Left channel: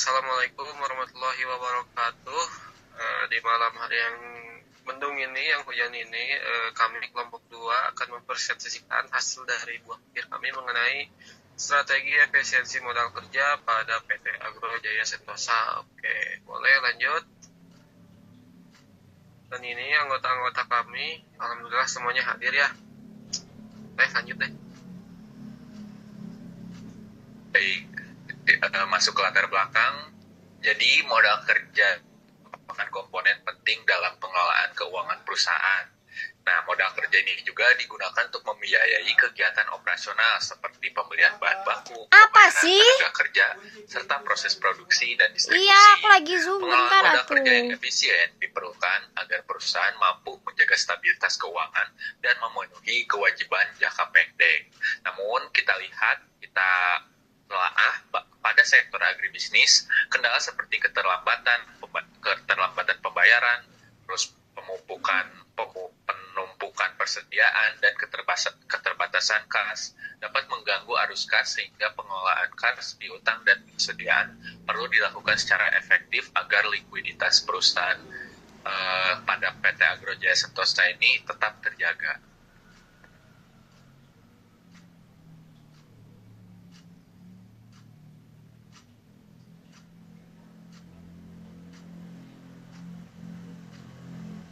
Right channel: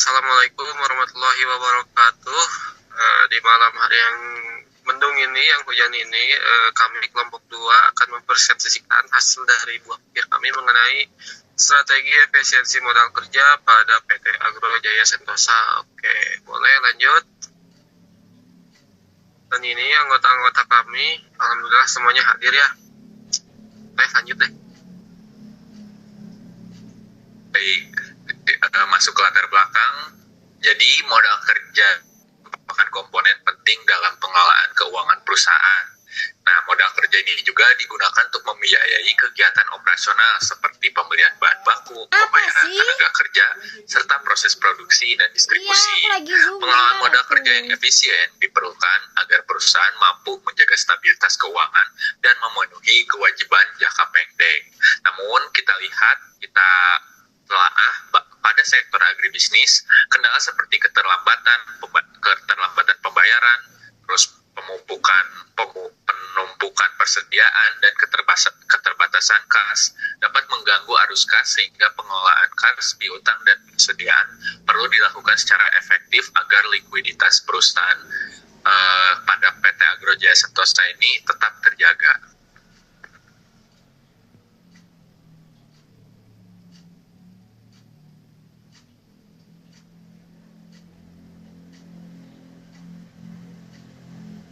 Assalamualaikum warahmatullahi wabarakatuh. Di malam hari yang mendung ini, yang hujan ini, kami kelompok 2 akan mempresentasikan hasil dari buah pikir kami mengenai strategi efisiensi modal kerja pada PT Agro Jaya Sentosa. Oke, boleh lanjut. Dan ini anggota-anggota kami, alhamdulillah semuanya hadir ya. Lanjut deh. Baik, masuk ke latar belakang. Jadi modal kerja merupakan komponen penting dalam pengelolaan keuangan perusahaan. Nah, modal kerja ini juga digunakan untuk membiayai kegiatan operasional seperti pembelian bahan baku, pembayaran tenaga kerja, serta proses produksi dan distribusi. Pengelolaan modal kerja yang efisien diperlukan agar perusahaan mampu menjaga stabilitas keuangan dan memenuhi kewajiban jangka pendek. Namun, kita telaah pada sektor agribisnis, kendala seperti keterlambatan pembayaran, terus penumpukan persediaan dan keterbatasan kas dapat mengganggu arus kas, sehingga pengelolaan kas piutang dan persediaan perlu dilakukan secara efektif agar likuiditas perusahaan pada PT Agro Jaya Sentosa ini tetap terjaga.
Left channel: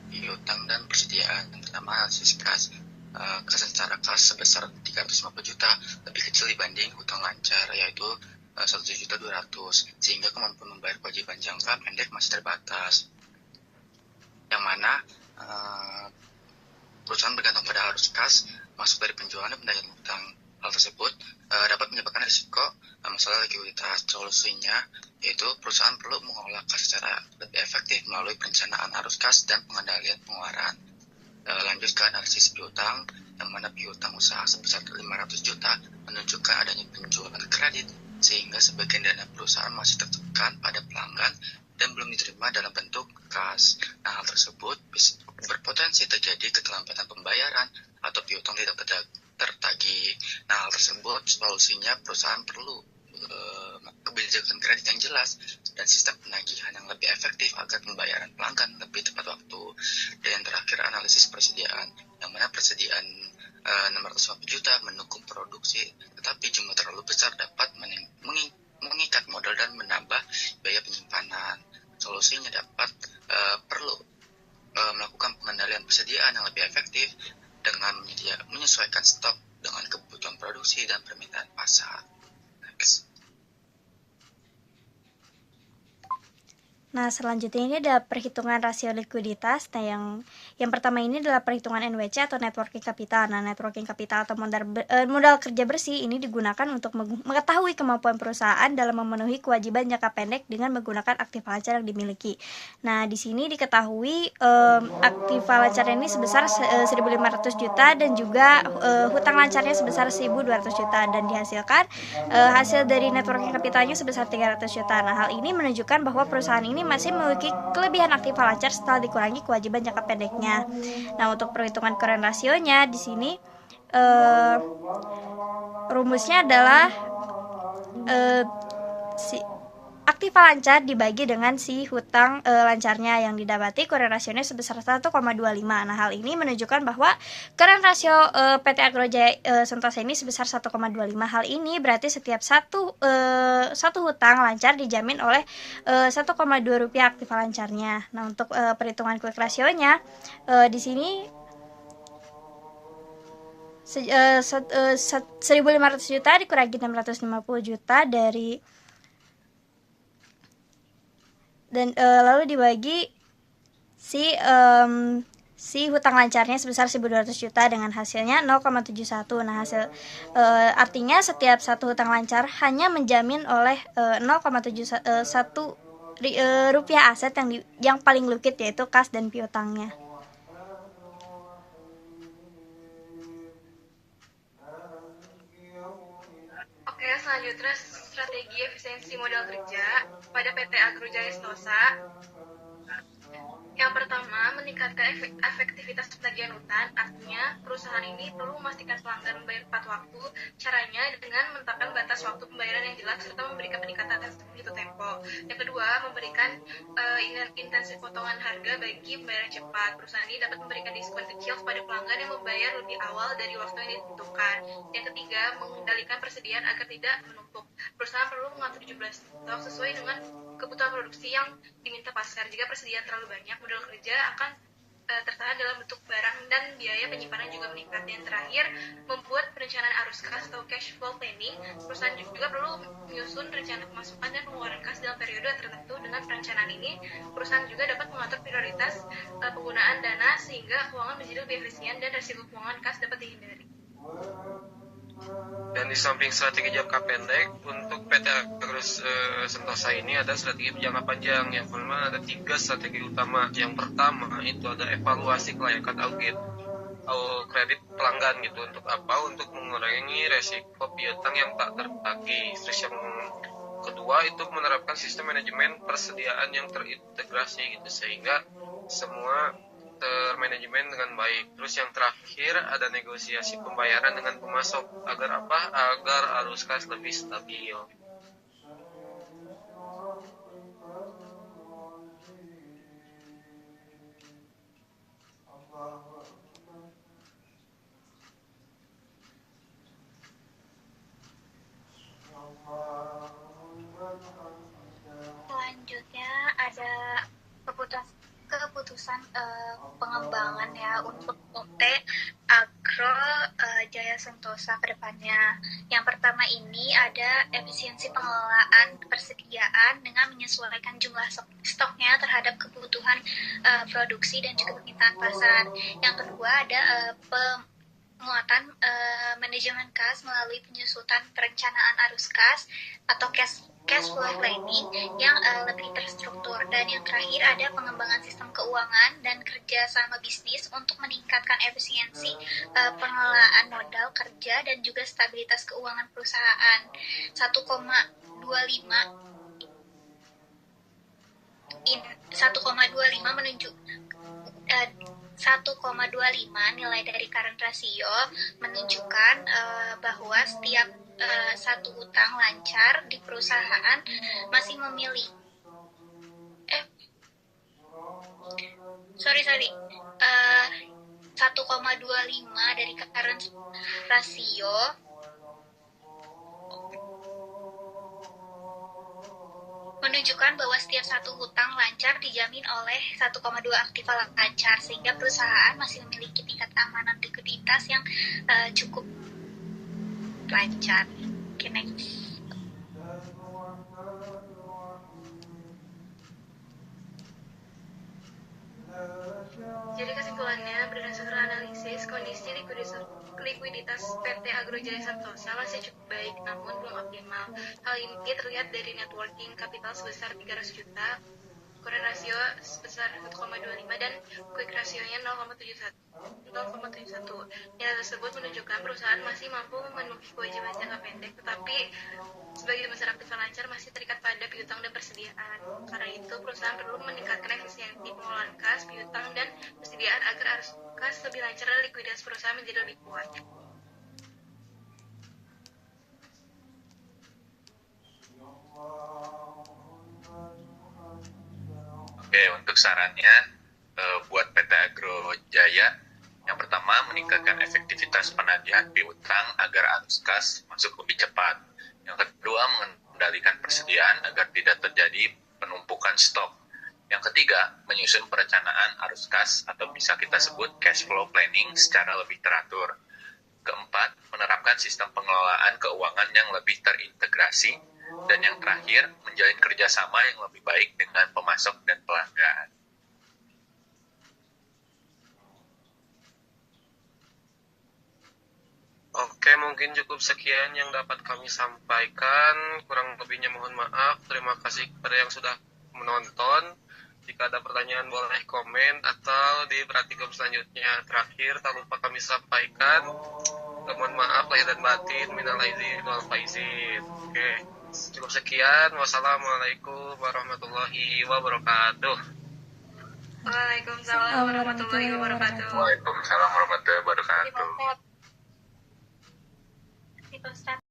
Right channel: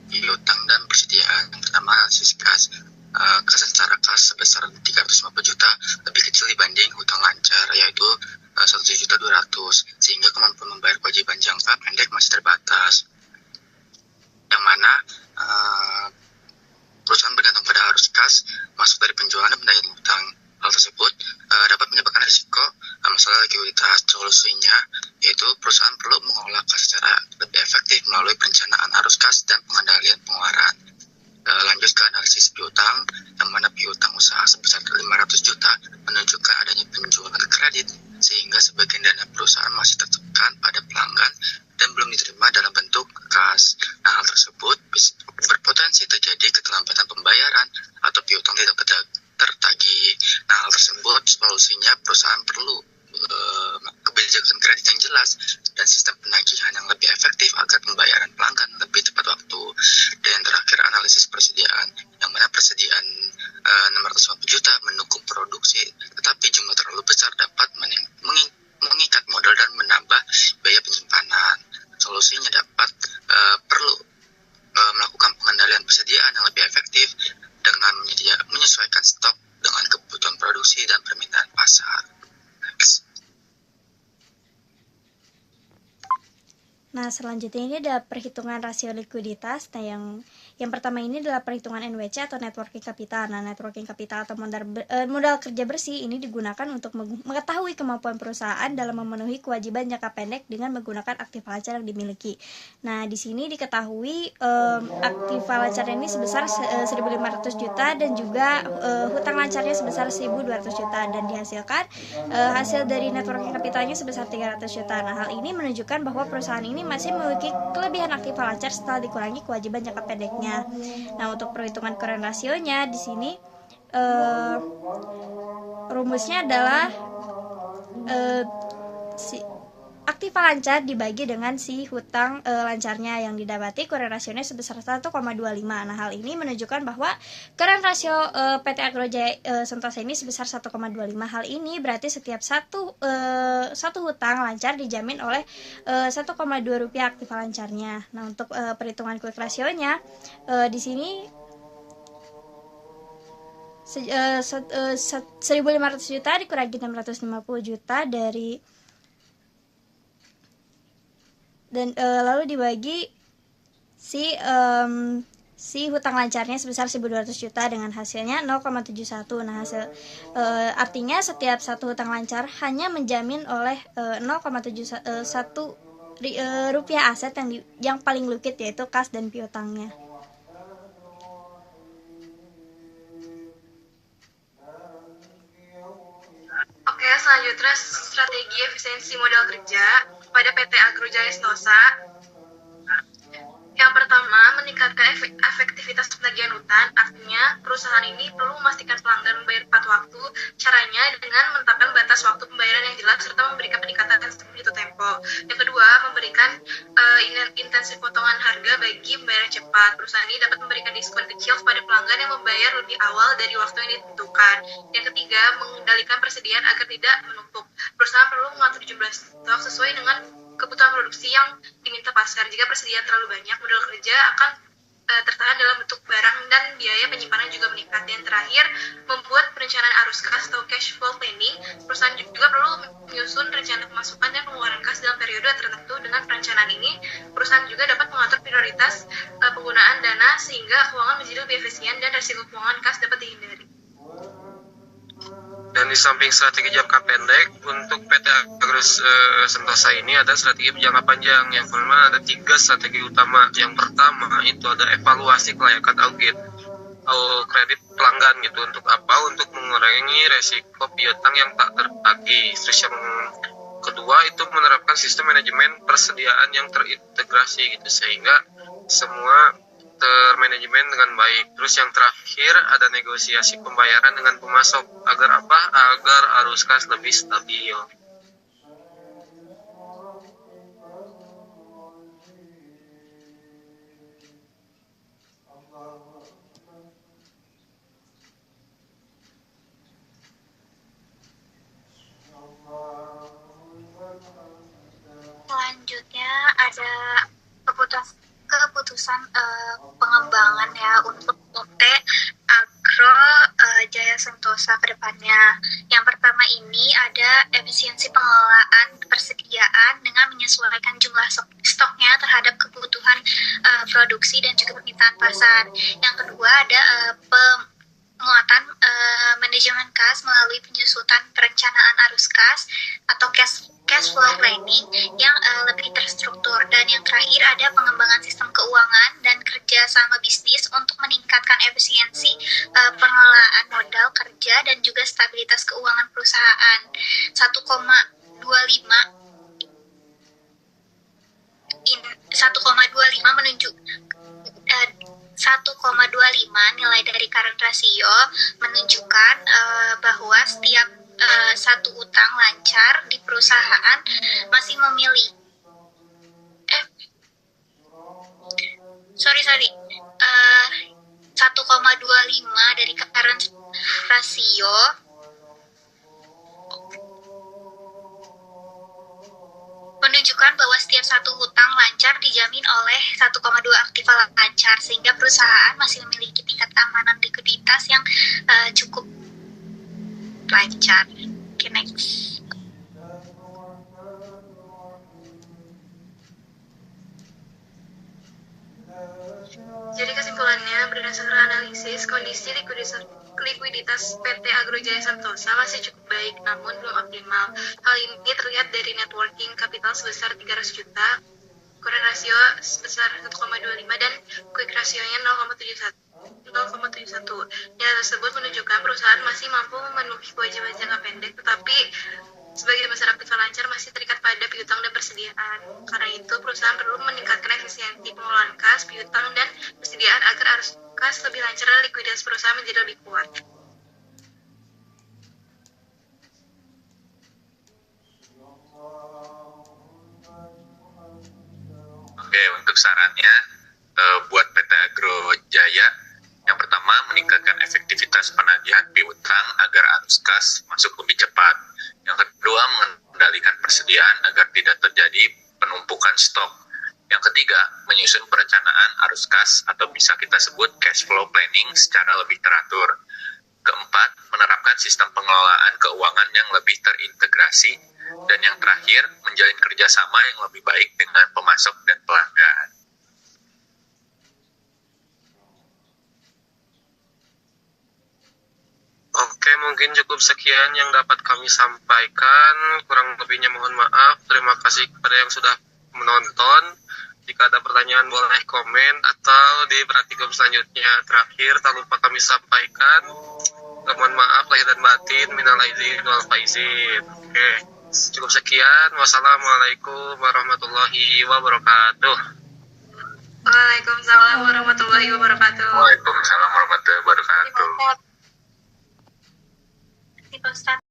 Piutang dan persediaan. Yang pertama, analisis kas. Kas secara kas sebesar 350 juta lebih kecil dibanding hutang lancar, yaitu 1.200.000, sehingga kemampuan membayar kewajiban jangka pendek masih terbatas, yang mana perusahaan bergantung pada arus kas masuk dari penjualan dan pembayaran hutang. Hal tersebut dapat menyebabkan risiko masalah likuiditas. Solusinya yaitu perusahaan perlu mengelola kas secara lebih efektif melalui perencanaan arus kas dan pengendalian pengeluaran. Lanjut ke analisis piutang, yang mana piutang usaha sebesar 500 juta menunjukkan adanya penjualan kredit, sehingga sebagian dana perusahaan masih tertekan pada pelanggan dan belum diterima dalam bentuk kas. Nah, hal tersebut berpotensi terjadi keterlambatan pembayaran atau piutang tidak tertagih. Nah, hal tersebut solusinya perusahaan perlu kebijakan kredit yang jelas dan sistem penagihan yang lebih efektif agar pembayaran pelanggan lebih tepat waktu. Dan terakhir, analisis persediaan, yang mana persediaan 650 juta mendukung produksi, tetapi jumlah terlalu besar dapat mengikat modal dan menambah biaya penyimpanan. Solusinya dapat perlu melakukan pengendalian persediaan yang lebih efektif dengan menyesuaikan stok dengan kebutuhan produksi dan permintaan pasar. Nah, selanjutnya ini adalah perhitungan rasio likuiditas. Nah, yang pertama ini adalah perhitungan NWC atau net working capital. Nah, net working capital atau modal kerja bersih ini digunakan untuk mengetahui kemampuan perusahaan dalam memenuhi kewajiban jangka pendek dengan menggunakan aktiva lancar yang dimiliki. Nah, di sini diketahui aktiva lancarnya ini sebesar 1.500 juta dan juga hutang lancarnya sebesar 1.200 juta, dan dihasilkan hasil dari net working capitalnya sebesar 300 juta. Nah, hal ini menunjukkan bahwa perusahaan ini masih memiliki kelebihan aktiva lancar setelah dikurangi kewajiban jangka pendeknya. Nah, untuk perhitungan current rasionya di sini rumusnya adalah aktiva lancar dibagi dengan si hutang lancarnya yang didapati current rasionya sebesar 1,25. Nah, hal ini menunjukkan bahwa current rasio PT Agro Jaya Sentosa ini sebesar 1,25. Hal ini berarti setiap satu hutang lancar dijamin oleh 1,2 rupiah aktiva lancarnya. Nah, untuk perhitungan quick rasionya di sini 1.500 juta dikurangi 650 juta dan lalu dibagi si hutang lancarnya sebesar 1.200 juta dengan hasilnya 0,71. Nah, artinya setiap satu hutang lancar hanya menjamin oleh 0,71 rupiah aset yang paling liquid, yaitu kas dan piutangnya. Oke, selanjutnya strategi efisiensi modal kerja pada PT Agro Jaya Sentosa. Yang pertama, meningkatkan efektivitas penagihan utang. Artinya, perusahaan ini perlu memastikan pelanggan membayar tepat waktu. Caranya dengan menetapkan batas waktu pembayaran yang jelas serta memberikan peningkatan itu tempo. Yang kedua, memberikan intensif potongan harga bagi pembayaran cepat. Perusahaan ini dapat memberikan diskon kecil kepada pelanggan yang membayar lebih awal dari waktu yang ditentukan. Yang ketiga, mengendalikan persediaan agar tidak menumpuk. Perusahaan perlu mengatur jumlah stok sesuai dengan kebutuhan produksi yang diminta pasar. Jika persediaan terlalu banyak, modal kerja akan tertahan dalam bentuk barang dan biaya penyimpanan juga meningkat. Dan terakhir, membuat perencanaan arus kas atau cash flow planning. Perusahaan juga perlu menyusun rencana pemasukan dan pengeluaran kas dalam periode tertentu. Dengan perencanaan ini, perusahaan juga dapat mengatur prioritas penggunaan dana sehingga keuangan menjadi lebih efisien dan risiko keuangan kas dapat dihindari. Dan di samping strategi jangka pendek, untuk PT Agrus Sentosa ini ada strategi jangka panjang. Yang pertama ada 3 strategi utama. Yang pertama itu ada evaluasi kelayakan audit kredit pelanggan gitu. Untuk apa? Untuk mengurangi resiko piutang yang tak tertagih. Terus yang kedua itu menerapkan sistem manajemen persediaan yang terintegrasi gitu, sehingga semua termanajemen dengan baik. Terus yang terakhir ada negosiasi pembayaran dengan pemasok. Agar apa? Agar arus kas lebih stabil. Selanjutnya ada keputusan pengembangan ya untuk PT Agro Jaya Sentosa ke depannya. Yang pertama ini ada efisiensi pengelolaan persediaan dengan menyesuaikan jumlah stoknya terhadap kebutuhan produksi dan juga permintaan pasar. Yang kedua ada penguatan manajemen kas melalui penyusutan perencanaan arus kas atau cash flow planning yang lebih terstruktur. Dan yang terakhir ada pengembangan sistem keuangan dan kerja sama bisnis untuk meningkatkan efisiensi pengelolaan modal kerja dan juga stabilitas keuangan perusahaan. 1,25 menunjuk 1,25 nilai dari current ratio menunjukkan bahwa setiap satu utang lancar di perusahaan masih memiliki 1,25 dari current ratio menunjukkan bahwa setiap satu hutang lancar dijamin oleh 1,2 aktiva lancar, sehingga perusahaan masih memiliki tingkat keamanan likuiditas yang cukup lancar. Okay, next. Jadi kesimpulannya, berdasarkan analisis, kondisi likuiditas PT Agro Jaya Sentosa masih cukup baik, namun belum optimal. Hal ini terlihat dari net working capital sebesar 300 juta, current ratio sebesar 1,25 dan quick ratio-nya 0,71. Data tersebut menunjukkan perusahaan masih mampu memenuhi kewajiban jangka pendek, tetapi sebagian besar aktiva lancar masih terikat pada piutang dan persediaan. Karena itu, perusahaan perlu meningkatkan efisiensi pengelolaan kas, piutang, dan persediaan agar arus kas lebih lancar dan likuiditas perusahaan menjadi lebih kuat. Oke, untuk sarannya buat PT Agro Jaya, yang pertama meningkatkan efektivitas penagihan piutang agar arus kas masuk lebih cepat. Yang kedua, mengendalikan persediaan agar tidak terjadi penumpukan stok. Yang ketiga, menyusun perencanaan arus kas atau bisa kita sebut cash flow planning secara lebih teratur. Keempat, menerapkan sistem pengelolaan keuangan yang lebih terintegrasi. Dan yang terakhir, menjalin kerjasama yang lebih baik dengan pemasok dan pelanggan. Oke, mungkin cukup sekian yang dapat kami sampaikan. Kurang lebihnya mohon maaf. Terima kasih kepada yang sudah menonton. Jika ada pertanyaan boleh komen atau di praktikum selanjutnya. Terakhir, tak lupa kami sampaikan. Mohon maaf lahir dan batin, minal aidin wal faizin. Oke, cukup sekian. Wassalamualaikum warahmatullahi wabarakatuh. Waalaikumsalam warahmatullahi wabarakatuh. Waalaikumsalam warahmatullahi wabarakatuh. Di Pak Ustadz.